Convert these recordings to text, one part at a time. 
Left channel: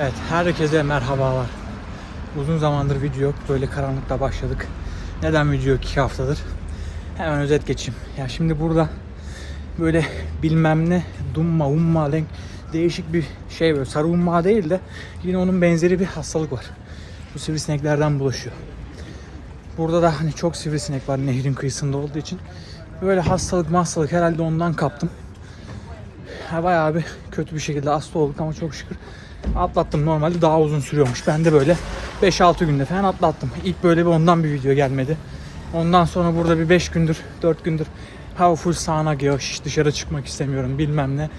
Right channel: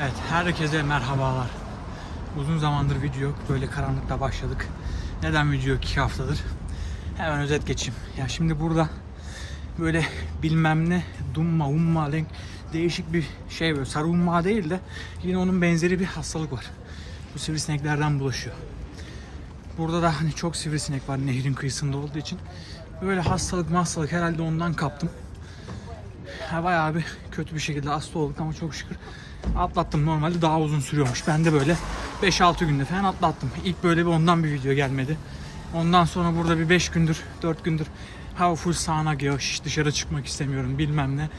Evet, herkese merhabalar. Uzun zamandır video yok. Böyle karanlıkta başladık. Neden video yok? 2 haftadır. Hemen özet geçeyim. Ya şimdi burada böyle bilmem ne dumma umma renk değişik bir şey böyle sarı umma değil de yine onun benzeri bir hastalık var. Bu sivrisineklerden bulaşıyor. Burada da hani çok sivrisinek var nehrin kıyısında olduğu için. Böyle hastalık hastalık herhalde ondan kaptım. Ha, bayağı bir kötü bir şekilde hasta olduk ama çok şükür atlattım. Normalde daha uzun sürüyormuş. Ben de böyle 5-6 günde falan atlattım. İlk böyle bir ondan bir video gelmedi. Ondan sonra burada bir 5 gündür, 4 gündür hava full sağanak. Hiç dışarı çıkmak istemiyorum bilmem ne.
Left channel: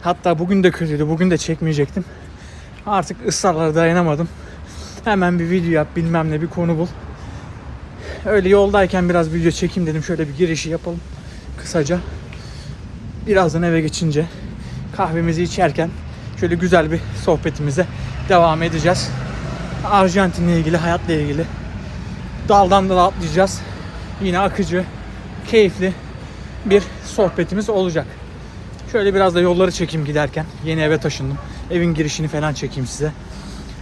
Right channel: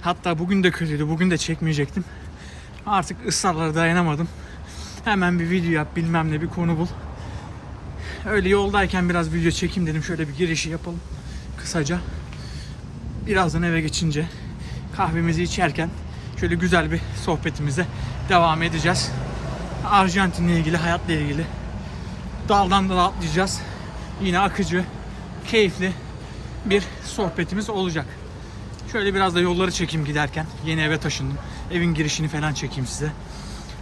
Hatta bugün de kötüydü. Bugün de çekmeyecektim. Artık ısrarlara dayanamadım. Hemen bir video yap bilmem ne bir konu bul. Öyle yoldayken biraz video çekeyim dedim. Şöyle bir girişi yapalım kısaca. Birazdan eve geçince kahvemizi içerken şöyle güzel bir sohbetimize devam edeceğiz. Arjantin'le ilgili, hayatla ilgili daldan dala atlayacağız. Yine akıcı, keyifli bir sohbetimiz olacak. Şöyle biraz da yolları çekeyim giderken. Yeni eve taşındım. Evin girişini falan çekeyim size.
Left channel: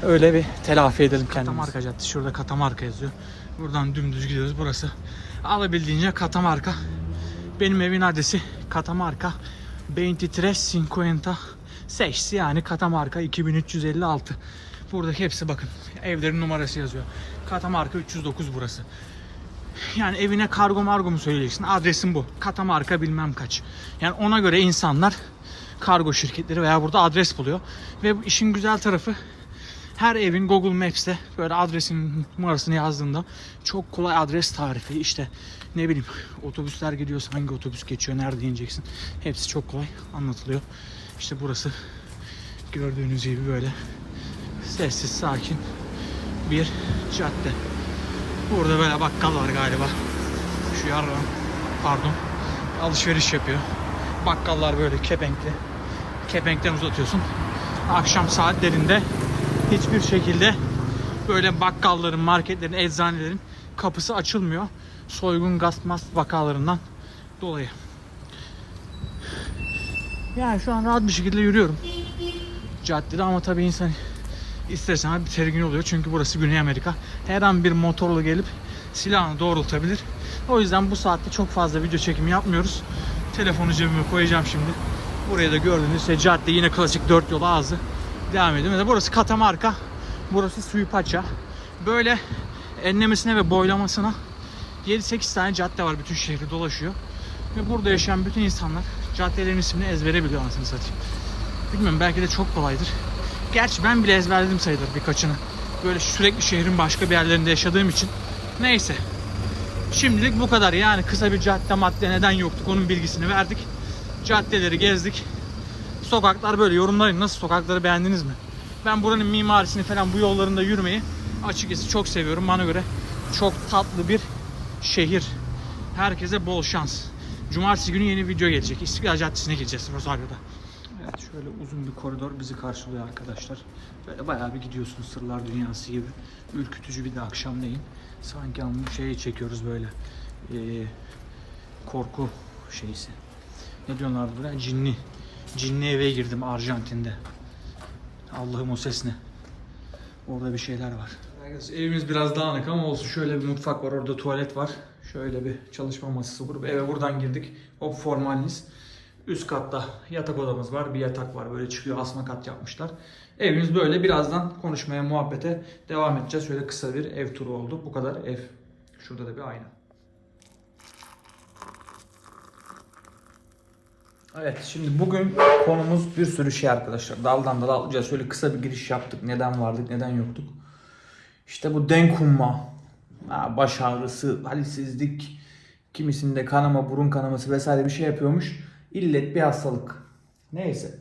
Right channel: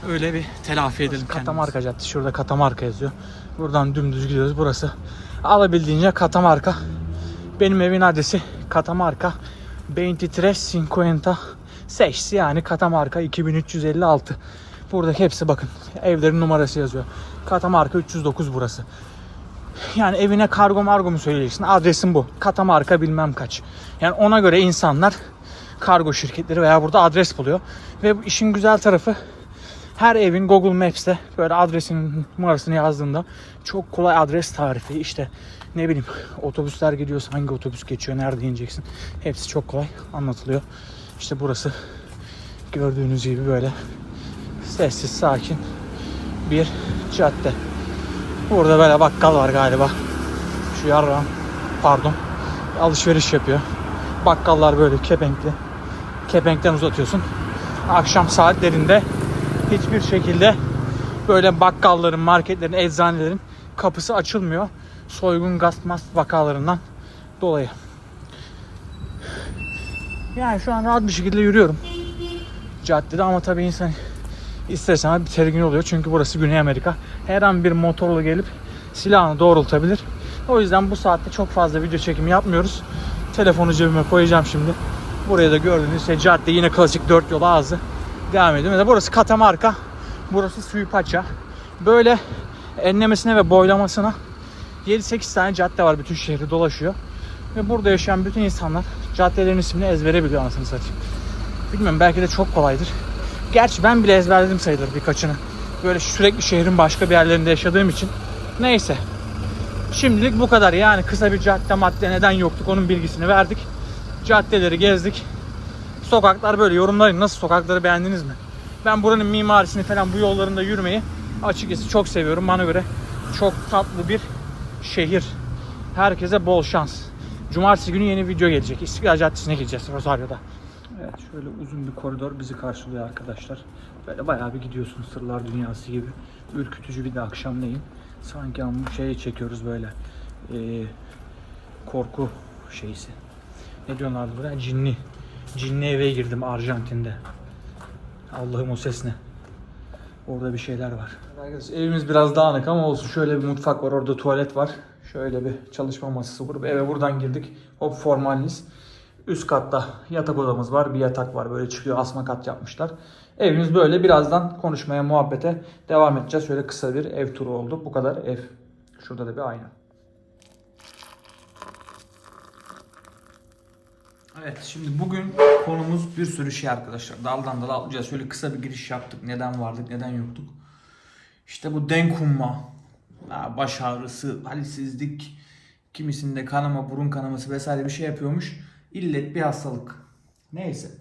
Öyle bir telafi edelim kendimizi. Katamarka Caddesi. Şurada Katamarka yazıyor. Buradan dümdüz gidiyoruz. Burası alabildiğince Katamarka. Benim evin adresi Katamarka 2356 yani Katamarka 2356. Burada hepsi bakın evlerin numarası yazıyor. Katamarka 309 burası. Yani evine kargo margo mu söyleyeceksin? Adresim bu. Katamarka bilmem kaç. Yani ona göre insanlar kargo şirketleri veya burada adres buluyor. Ve işin güzel tarafı her evin Google Maps'te böyle adresinin numarasını yazdığında çok kolay adres tarifi işte ne bileyim otobüsler gidiyorsa hangi otobüs geçiyor nerede ineceksin hepsi çok kolay anlatılıyor. İşte burası gördüğünüz gibi böyle sessiz sakin bir cadde. Burada böyle bakkal var galiba. Şu yarram pardon alışveriş yapıyor. Bakkallar böyle kepenkli. Kepenkten uzatıyorsun. Akşam saatlerinde hiçbir şekilde böyle bakkalların, marketlerin, eczanelerin kapısı açılmıyor. Soygun, gasp, vakalarından dolayı. Yani şu an rahat bir şekilde yürüyorum. Caddede ama tabii insan istersen bir tedirgin oluyor. Çünkü burası Güney Amerika. Her an bir motorlu gelip silahını doğrultabilir. O yüzden bu saatte çok fazla video çekimi yapmıyoruz. Telefonu cebime koyacağım şimdi. Buraya da gördüğünüz şey cadde yine klasik dört yol ağzı devam ediyor. Mesela burası Katamarka. Burası Suipaça. Böyle enlemesine ve boylamasına 7-8 tane cadde var bütün şehri dolaşıyor. Ve burada yaşayan bütün insanlar caddelerin ismini ezbere biliyor anasını satayım. Bilmiyorum belki de çok kolaydır. Gerçi ben bile ezberledim sayılır birkaçını. Böyle sürekli şehrin başka bir yerlerinde yaşadığım için. Neyse. Şimdilik bu kadar. Yani kısa bir cadde madde neden yoktuk onun bilgisini verdik. Caddeleri gezdik. Sokaklar böyle yorumlayın. Nasıl sokakları beğendiniz mi? Ben buranın mimarisini falan bu yollarında yürümeyi açıkçası çok seviyorum. Bana göre çok tatlı bir şehir. Herkese bol şans. Cumartesi günü yeni video gelecek. İstiklal Caddesi'ne gideceğiz Rosario'da. Evet şöyle uzun bir koridor bizi karşılıyor arkadaşlar. Böyle bayağı bir gidiyorsun sırlar dünyası gibi. Ürkütücü bir de akşamleyin. Sanki ama şeyi çekiyoruz böyle. Ee, korku şeysi. Ne diyorlar buraya? Cinli. Cinli eve girdim Arjantin'de. Allah'ım o ses ne? Orada bir şeyler var. Evimiz biraz dağınık ama olsun. Şöyle bir mutfak var. Orada tuvalet var. Şöyle bir çalışma masası kurup eve buradan girdik. Hop formaliniz. Üst katta yatak odamız var. Bir yatak var. Böyle çıkıyor. Asma kat yapmışlar. Evimiz böyle. Birazdan konuşmaya, muhabbete devam edeceğiz. Şöyle kısa bir ev turu oldu. Bu kadar ev. Şurada da bir ayna. Evet şimdi bugün konumuz bir sürü şey arkadaşlar. Daldan dala atlayacağız. Şöyle kısa bir giriş yaptık. Neden vardık, neden yoktuk. İşte bu denk humma, ha, baş ağrısı, halsizlik, kimisinde kanama, burun kanaması vesaire bir şey yapıyormuş. İllet bir hastalık. Neyse.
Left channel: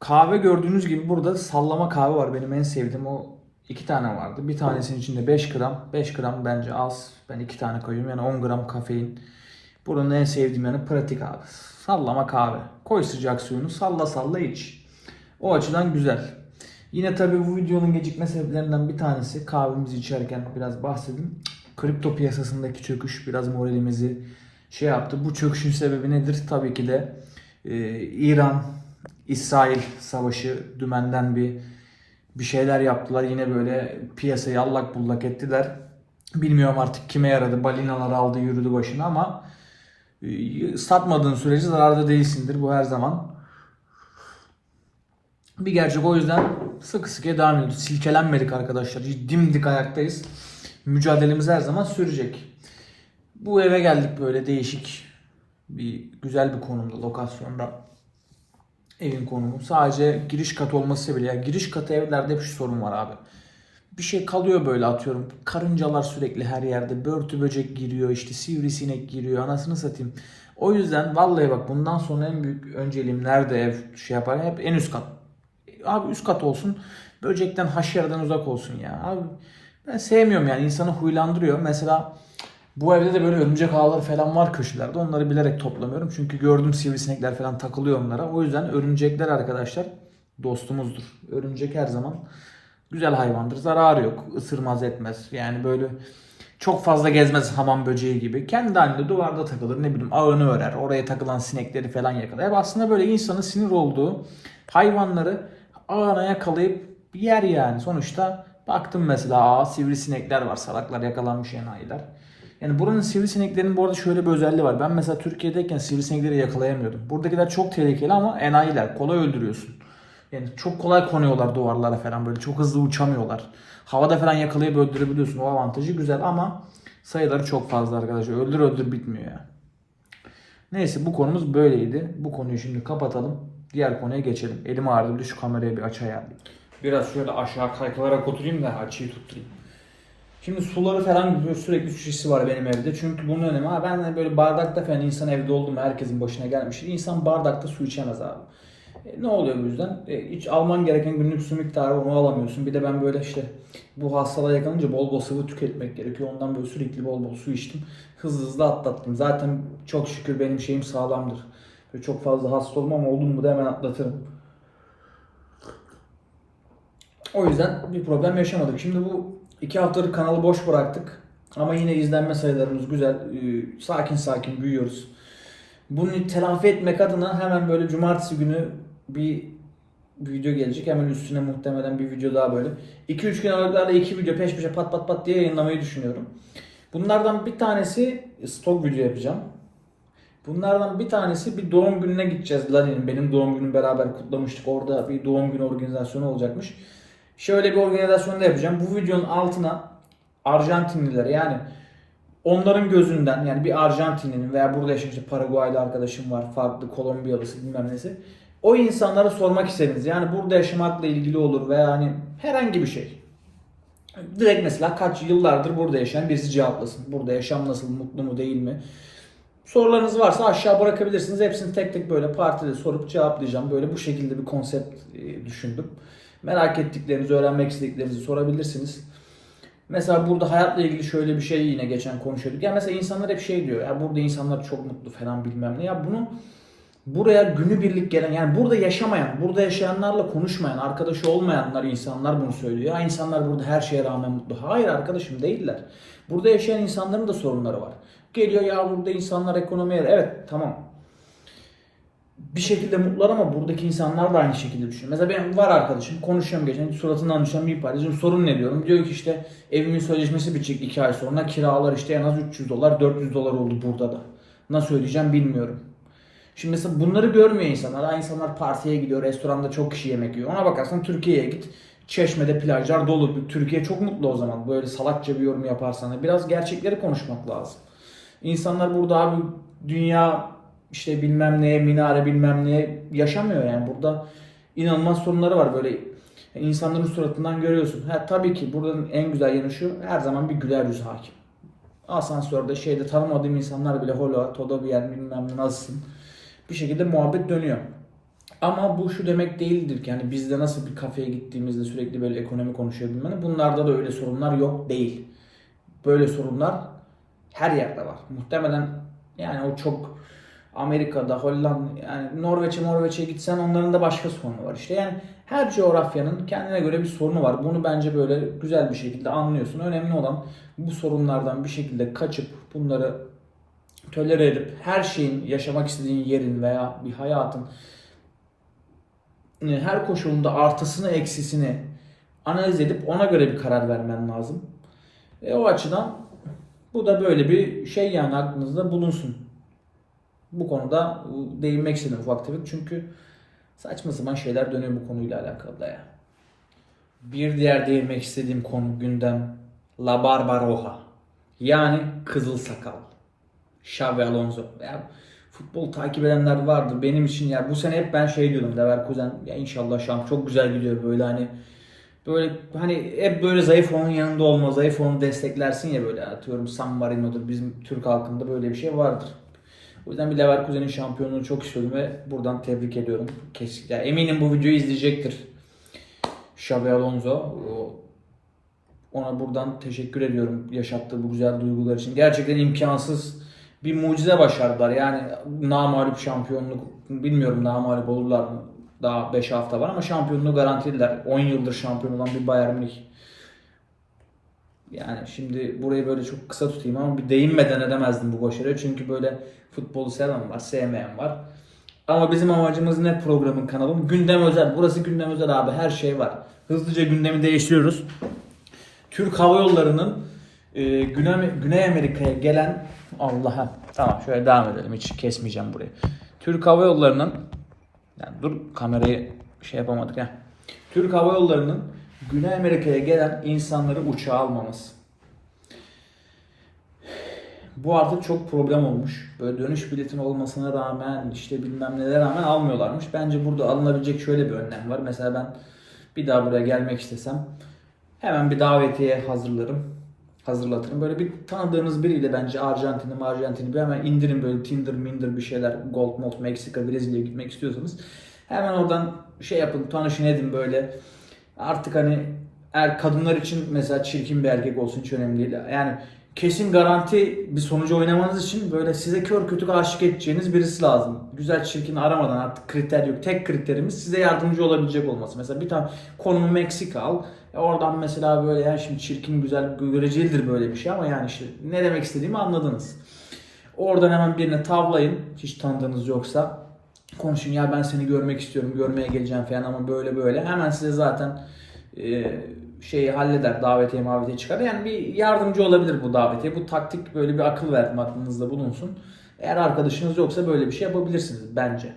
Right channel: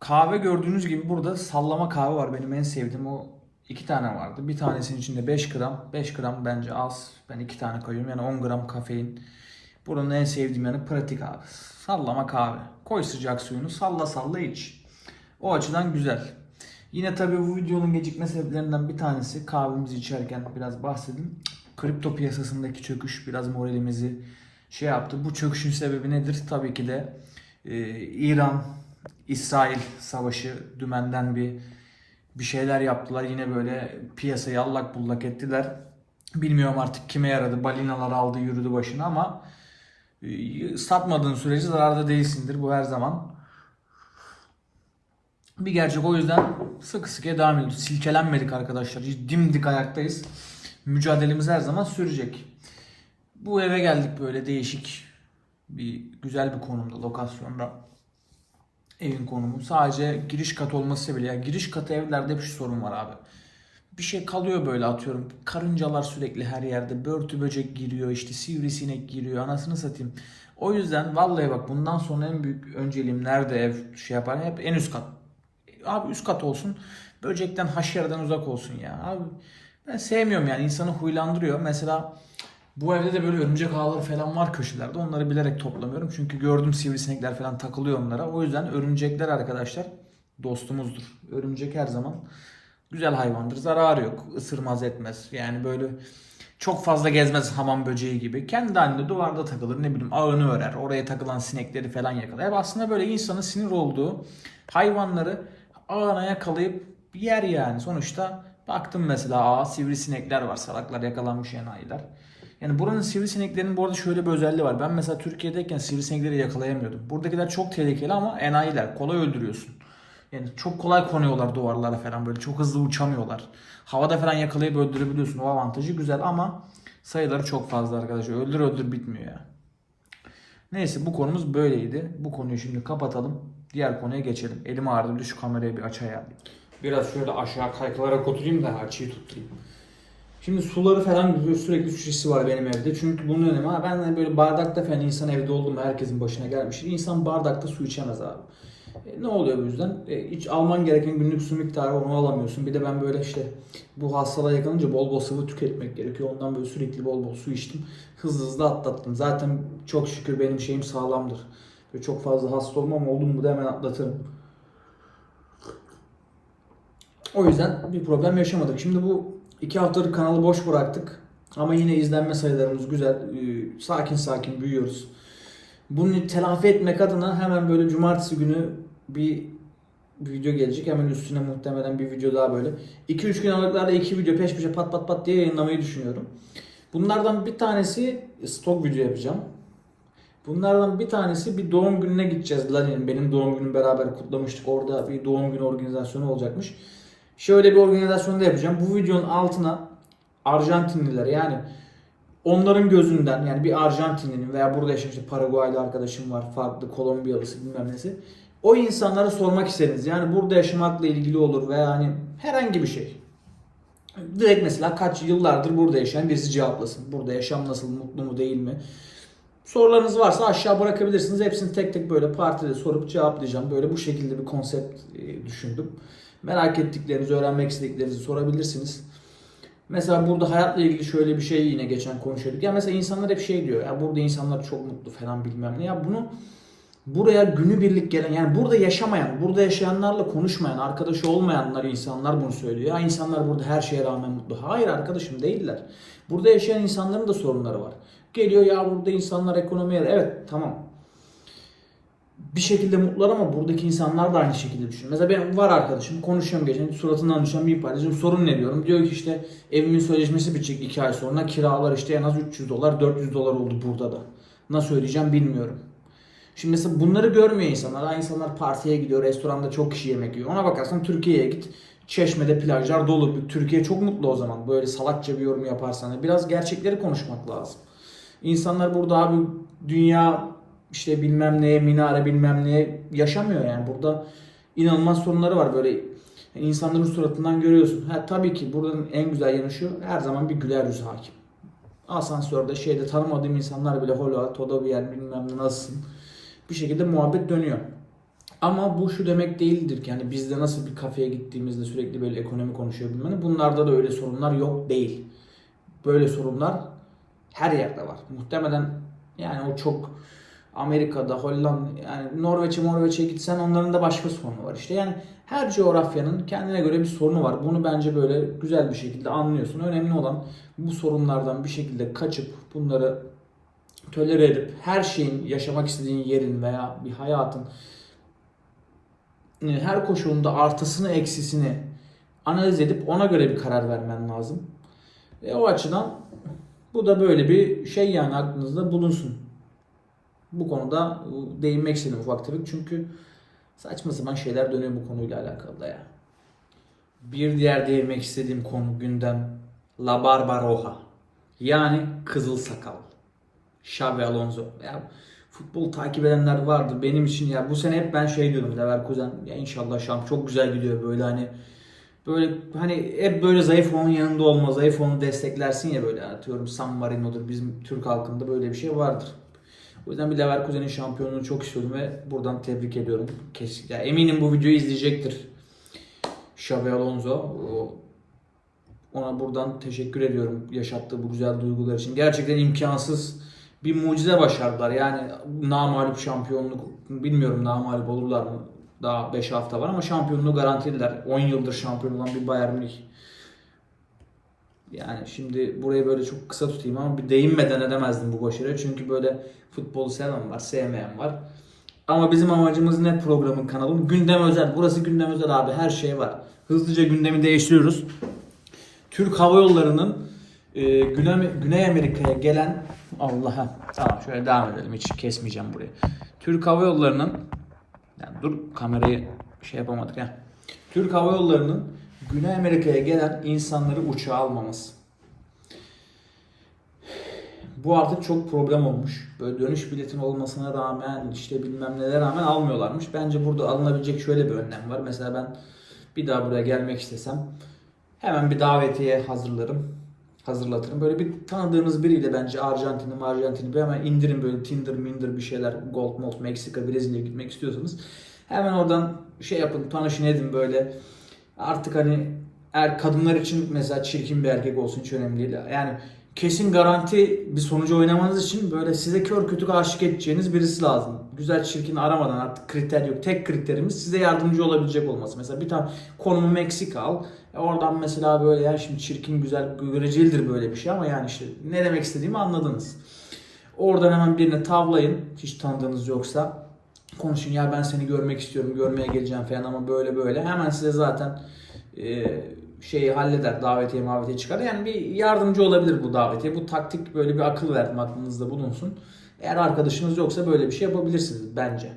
Kahve gördüğünüz gibi burada sallama kahve var. Benim en sevdiğim o iki tane vardı. Bir tanesinin içinde 5 gram. 5 gram bence az. Ben iki tane koyuyorum. Yani 10 gram kafein. Buranın en sevdiğim yanı pratik abi. Sallama kahve. Koy sıcak suyunu salla salla iç. O açıdan güzel. Yine tabii bu videonun gecikme sebeplerinden bir tanesi kahvemizi içerken biraz bahsedeyim. Kripto piyasasındaki çöküş biraz moralimizi şey yaptı. Bu çöküşün sebebi nedir? Tabii ki de e, İran İsrail savaşı dümenden bir bir şeyler yaptılar. Yine böyle piyasayı allak bullak ettiler. Bilmiyorum artık kime yaradı. Balinalar aldı yürüdü başına ama e, satmadığın sürece zararda değilsindir. Bu her zaman bir gerçek. O yüzden sıkı sıkıya devam ediyoruz. Silkelenmedik arkadaşlar. Dimdik ayaktayız. Mücadelemiz her zaman sürecek. Bu eve geldik böyle değişik bir güzel bir konumda, lokasyonda evin konumu. Sadece giriş katı olması bile. Ya giriş katı evlerde hep şu sorun var abi. Bir şey kalıyor böyle atıyorum. Karıncalar sürekli her yerde. Börtü böcek giriyor işte sivrisinek giriyor. Anasını satayım. O yüzden vallahi bak bundan sonra en büyük önceliğim nerede ev şey yapar hep en üst kat. Abi üst kat olsun. Böcekten haşerden uzak olsun ya. Abi ben sevmiyorum yani insanı huylandırıyor. Mesela bu evde de böyle örümcek ağları falan var köşelerde. Onları bilerek toplamıyorum. Çünkü gördüm sivrisinekler falan takılıyor onlara. O yüzden örümcekler arkadaşlar dostumuzdur. Örümcek her zaman güzel hayvandır. Zararı yok. Isırmaz etmez. Yani böyle çok fazla gezmez hamam böceği gibi. Kendi halinde duvarda takılır. Ne bileyim ağını örer. Oraya takılan sinekleri falan yakalar. Hep aslında böyle insanın sinir olduğu hayvanları ağına yakalayıp yer yani. Sonuçta baktım mesela ağa sivrisinekler var. Salaklar yakalanmış enayiler. Yani buranın sivrisineklerinin bu arada şöyle bir özelliği var. Ben mesela Türkiye'deyken sivrisinekleri yakalayamıyordum. Buradakiler çok tehlikeli ama enayiler. Kolay öldürüyorsun. Yani çok kolay konuyorlar duvarlara falan böyle. Çok hızlı uçamıyorlar. Havada falan yakalayıp öldürebiliyorsun. O avantajı güzel ama sayıları çok fazla arkadaşlar. Öldür öldür bitmiyor ya. Neyse bu konumuz böyleydi. Bu konuyu şimdi kapatalım. Diğer konuya geçelim. Elim ağrıdı bir de şu kamerayı bir aç ayarlayayım. Biraz şöyle aşağı kaykılarak oturayım da açıyı tutturayım. Şimdi suları falan böyle sürekli şişesi var benim evde. Çünkü bunun önemi ha ben de böyle bardakta falan insan evde oldu herkesin başına gelmiştir. İnsan bardakta su içemez abi. E, ne oluyor bu yüzden? E, hiç alman gereken günlük su miktarı onu alamıyorsun. Bir de ben böyle işte bu hastalığa yakalanınca bol bol sıvı tüketmek gerekiyor. Ondan böyle sürekli bol bol su içtim. Hızlı hızlı atlattım. Zaten çok şükür benim şeyim sağlamdır. Böyle çok fazla hasta olmam oldum mu da hemen atlatırım. O yüzden bir problem yaşamadık. Şimdi bu iki haftadır kanalı boş bıraktık. Ama yine izlenme sayılarımız güzel. Ee, Sakin sakin büyüyoruz. Bunu telafi etmek adına hemen böyle cumartesi günü bir video gelecek. Hemen üstüne muhtemelen bir video daha böyle. 2-3 gün aralıklarla iki video peş peşe pat pat pat diye yayınlamayı düşünüyorum. Bunlardan bir tanesi stok video yapacağım. Bunlardan bir tanesi bir doğum gününe gideceğiz Lali'nin. Benim doğum günüm beraber kutlamıştık. Orada bir doğum günü organizasyonu olacakmış. Şöyle bir organizasyonda yapacağım. Bu videonun altına Arjantinliler yani onların gözünden yani bir Arjantinlinin veya burada yaşayan işte Paraguaylı arkadaşım var, farklı Kolombiyalısı bilmem nesi. O insanlara sormak istediniz. Yani burada yaşamakla ilgili olur veya hani herhangi bir şey. Direkt mesela kaç yıllardır burada yaşayan birisi cevaplasın. Burada yaşam nasıl, mutlu mu değil mi? Sorularınız varsa aşağı bırakabilirsiniz. Hepsini tek tek böyle partide sorup cevaplayacağım. Böyle bu şekilde bir konsept e, düşündüm. Merak ettiklerinizi, öğrenmek istediklerinizi sorabilirsiniz. Mesela burada hayatla ilgili şöyle bir şey yine geçen konuşuyorduk. Ya mesela insanlar hep şey diyor. Ya burada insanlar çok mutlu falan bilmem ne. Ya bunu buraya günübirlik gelen yani burada yaşamayan, burada yaşayanlarla konuşmayan, arkadaşı olmayanlar insanlar bunu söylüyor. Ya insanlar burada her şeye rağmen mutlu. Hayır arkadaşım değiller. Burada yaşayan insanların da sorunları var. Geliyor ya burada insanlar ekonomiye evet tamam bir şekilde mutlular ama buradaki insanlar da aynı şekilde düşünüyor. Mesela ben var arkadaşım konuşuyorum geçen suratından düşen bir paylaşım sorun ne diyorum. Diyor ki işte evimin sözleşmesi bitecek 2 ay sonra kiralar işte en az 300 dolar 400 dolar oldu burada da. Nasıl ödeyeceğim bilmiyorum. Şimdi mesela bunları görmüyor insanlar. Ha, insanlar partiye gidiyor, restoranda çok kişi yemek yiyor. Ona bakarsan Türkiye'ye git. Çeşme'de plajlar dolu. Türkiye çok mutlu o zaman. Böyle salakça bir yorum yaparsan. Biraz gerçekleri konuşmak lazım. İnsanlar burada abi dünya işte bilmem neye minare bilmem neye yaşamıyor yani burada inanılmaz sorunları var böyle insanların suratından görüyorsun. Ha, tabii ki buradan en güzel yanı şu her zaman bir güler yüz hakim. Asansörde şeyde tanımadığım insanlar bile hola toda bir yer bilmem ne nasılsın bir şekilde muhabbet dönüyor. Ama bu şu demek değildir ki yani bizde nasıl bir kafeye gittiğimizde sürekli böyle ekonomi konuşuyor bilmem bunlarda da öyle sorunlar yok değil. Böyle sorunlar her yerde var. Muhtemelen yani o çok Amerika'da, Hollanda, yani Norveç'e Norveç'e gitsen onların da başka sorunu var. İşte yani her coğrafyanın kendine göre bir sorunu var. Bunu bence böyle güzel bir şekilde anlıyorsun. Önemli olan bu sorunlardan bir şekilde kaçıp bunları tolere edip her şeyin yaşamak istediğin yerin veya bir hayatın her koşulunda artısını eksisini analiz edip ona göre bir karar vermen lazım. E, o açıdan bu da böyle bir şey yani aklınızda bulunsun. Bu konuda e, değinmek istedim ufak tefek çünkü saçma sapan şeyler dönüyor bu konuyla alakalı da ya. Bir diğer değinmek istediğim konu gündem La Barbaroja. Yani Kızıl Sakal. Xavi Alonso. Ya, futbol takip edenler vardır. Benim için ya bu sene hep ben şey diyordum Leverkusen ya inşallah şamp çok güzel gidiyor böyle hani böyle hani hep böyle zayıf onun yanında olma, zayıf onu desteklersin ya böyle atıyorum San Marino'dur bizim Türk halkında böyle bir şey vardır. O yüzden bir Leverkusen'in şampiyonluğunu çok istiyordum ve buradan tebrik ediyorum. Kesin, ya eminim bu videoyu izleyecektir. Xabi Alonso. Ona buradan teşekkür ediyorum yaşattığı bu güzel duygular için. Gerçekten imkansız bir mucize başardılar. Yani namalup şampiyonluk bilmiyorum namalup olurlar mı? Daha 5 hafta var ama şampiyonluğu garantilediler. 10 yıldır şampiyon olan bir Bayern Münih. Yani şimdi burayı böyle çok kısa tutayım ama bir değinmeden edemezdim bu başarıya. Çünkü böyle futbolu seven var, sevmeyen var. Ama bizim amacımız ne programın kanalım? Gündem özel. Burası gündem özel abi. Her şey var. Hızlıca gündemi değiştiriyoruz. Türk Hava Yolları'nın e, Güney, Güney Amerika'ya gelen Allah'a tamam şöyle devam edelim hiç kesmeyeceğim burayı. Türk Hava Yolları'nın yani dur kamerayı şey yapamadık ya. Türk Hava Yolları'nın Güney Amerika'ya gelen insanları uçağa almaması. Bu artık çok problem olmuş. Böyle dönüş biletin olmasına rağmen işte bilmem nelere rağmen almıyorlarmış. Bence burada alınabilecek şöyle bir önlem var. Mesela ben bir daha buraya gelmek istesem hemen bir davetiye hazırlarım. Hazırlatırım. Böyle bir tanıdığınız biriyle bence Arjantin'i Arjantin'i bir hemen indirin böyle Tinder, Minder bir şeyler. Gold, Mold, Meksika, Brezilya'ya gitmek istiyorsanız. Hemen oradan şey yapın, tanışın edin böyle. Artık hani eğer kadınlar için mesela çirkin bir erkek olsun hiç önemli değil. Yani kesin garanti bir sonucu oynamanız için böyle size kör kütük aşık edeceğiniz birisi lazım. Güzel çirkin aramadan artık kriter yok. Tek kriterimiz size yardımcı olabilecek olması. Mesela bir tane konumu Meksika al. E oradan mesela böyle ya şimdi çirkin güzel görecelidir böyle bir şey ama yani işte ne demek istediğimi anladınız. Oradan hemen birine tavlayın hiç tanıdığınız yoksa. Konuşun ya ben seni görmek istiyorum görmeye geleceğim falan ama böyle böyle. Hemen size zaten e, şeyi halleder davetiye mavetiye çıkar. Yani bir yardımcı olabilir bu davetiye. Bu taktik böyle bir akıl verdim aklınızda bulunsun. Eğer arkadaşınız yoksa böyle bir şey yapabilirsiniz bence.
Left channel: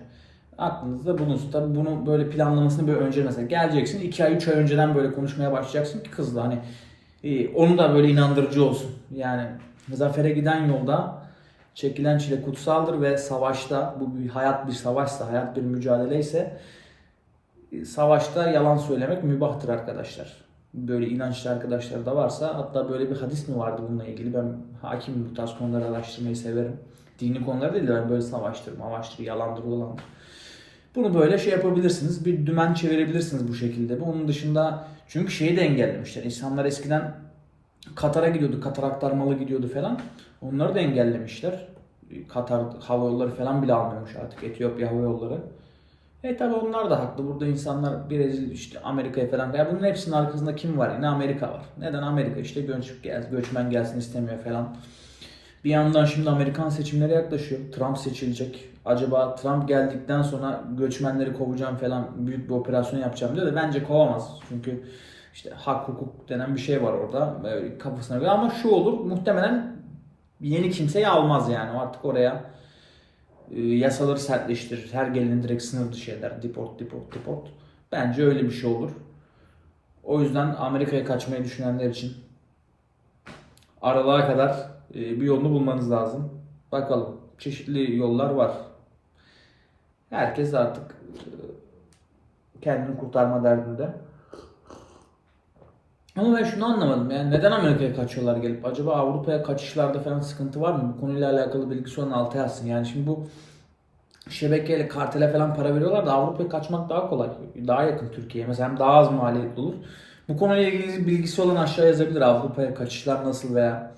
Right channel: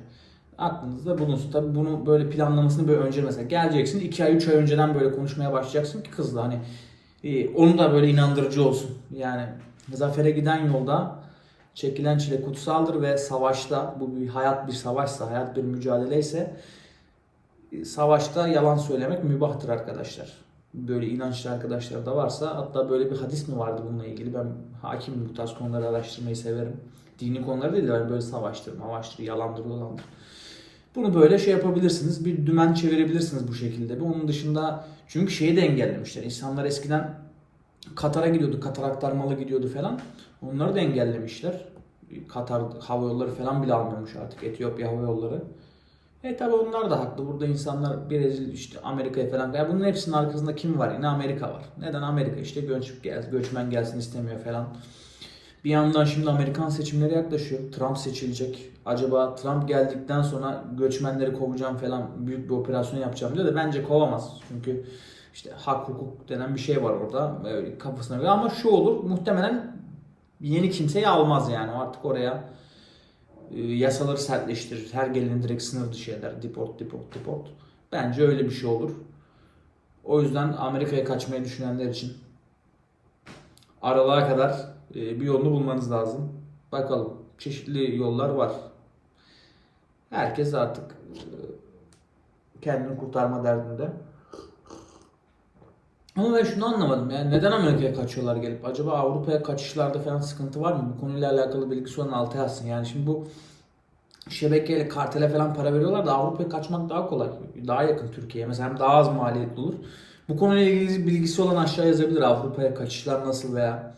Aklınızda bulunsun. Tabii bunu böyle planlamasını böyle önce mesela geleceksin 2 ay 3 ay önceden böyle konuşmaya başlayacaksın ki kızla hani e, onu da böyle inandırıcı olsun. Yani zafere giden yolda çekilen çile kutsaldır ve savaşta bu bir hayat bir savaşsa, hayat bir mücadele ise e, savaşta yalan söylemek mübahtır arkadaşlar. Böyle inançlı arkadaşlar da varsa hatta böyle bir hadis mi vardı bununla ilgili ben hakimim bu tarz konuları araştırmayı severim. Dini konular değil de böyle savaştır, mavaştır, yalandır, dolandır. Bunu böyle şey yapabilirsiniz. Bir dümen çevirebilirsiniz bu şekilde. Onun dışında çünkü şeyi de engellemişler. İnsanlar eskiden Katar'a gidiyordu. Katar aktarmalı gidiyordu falan. Onları da engellemişler. Katar hava yolları falan bile almıyormuş artık. Etiyopya hava yolları. E tabi onlar da haklı. Burada insanlar Brezilya işte Amerika'ya falan. Ya bunun hepsinin arkasında kim var? Ne Amerika var. Neden Amerika işte göç, göçmen gelsin istemiyor falan. Bir yandan şimdi Amerikan seçimleri yaklaşıyor. Trump seçilecek. Acaba Trump geldikten sonra göçmenleri kovacağım falan büyük bir operasyon yapacağım diyor da bence kovamaz. Çünkü işte hak hukuk denen bir şey var orada Böyle kafasına göre ama şu olur muhtemelen yeni kimseyi almaz yani artık oraya e, yasaları sertleştirir. Her geleni direkt sınır dışı eder. Deport, deport, deport. Bence öyle bir şey olur. O yüzden Amerika'ya kaçmayı düşünenler için aralığa kadar e, bir yolunu bulmanız lazım. Bakalım. Çeşitli yollar var. Herkes artık e, kendini kurtarma derdinde. Ama ben şunu anlamadım yani neden Amerika'ya kaçıyorlar gelip? Acaba Avrupa'ya kaçışlarda falan sıkıntı var mı? Bu konuyla alakalı bilgisi olan altı yazsın. Yani şimdi bu şebekeyle kartele falan para veriyorlar da Avrupa'ya kaçmak daha kolay. Daha yakın Türkiye'ye. Mesela daha az maliyetli olur. Bu konuyla ilgili bilgisi olan aşağı yazabilir. Avrupa'ya kaçışlar nasıl veya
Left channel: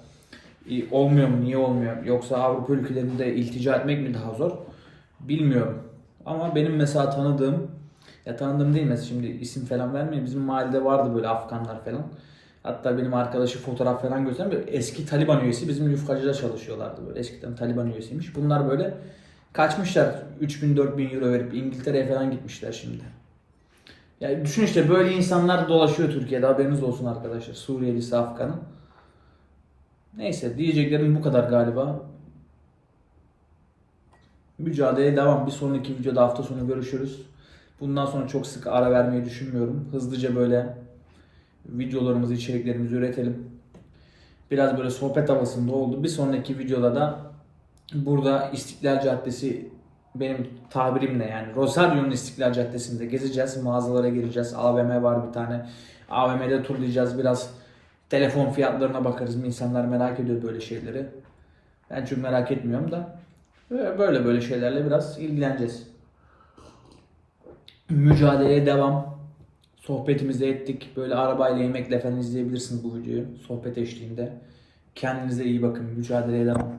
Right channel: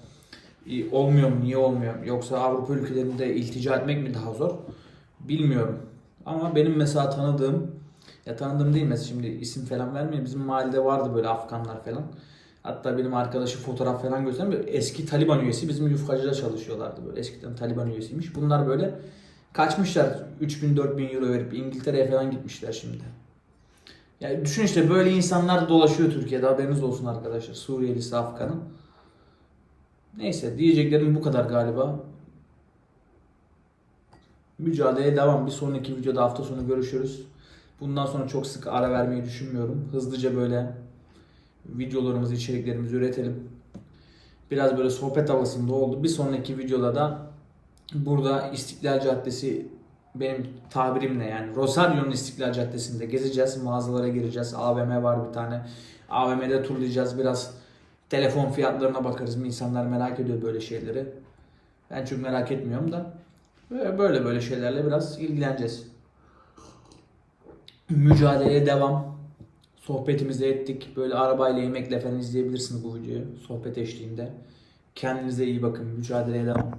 e, olmuyor mu? Niye olmuyor? Yoksa Avrupa ülkelerinde iltica etmek mi daha zor? Bilmiyorum. Ama benim mesela tanıdığım ya tanıdığım değil mesela şimdi isim falan vermeyeyim. Bizim mahallede vardı böyle Afganlar falan. Hatta benim arkadaşı fotoğraf falan göstereyim. Böyle eski Taliban üyesi bizim yufkacıda çalışıyorlardı böyle. Eskiden Taliban üyesiymiş. Bunlar böyle kaçmışlar 3000 4000 euro verip İngiltere'ye falan gitmişler şimdi. Ya düşün işte böyle insanlar dolaşıyor Türkiye'de haberiniz olsun arkadaşlar. Suriyelisi, Afganı. Neyse diyeceklerim bu kadar galiba. Mücadeleye devam. Bir sonraki videoda hafta sonu görüşürüz. Bundan sonra çok sık ara vermeyi düşünmüyorum. Hızlıca böyle videolarımızı, içeriklerimizi üretelim. Biraz böyle sohbet havasında oldu. Bir sonraki videoda da burada İstiklal Caddesi benim tabirimle yani Rosario'nun İstiklal Caddesi'nde gezeceğiz. Mağazalara gireceğiz. AVM var bir tane. AVM'de turlayacağız. Biraz telefon fiyatlarına bakarız. İnsanlar merak ediyor böyle şeyleri. Ben çok merak etmiyorum da. Böyle, böyle şeylerle biraz ilgileneceğiz. Mücadeleye devam. Sohbetimizi ettik. Böyle arabayla yemekle falan izleyebilirsiniz bu videoyu. Sohbet eşliğinde. Kendinize iyi bakın. Mücadeleye devam.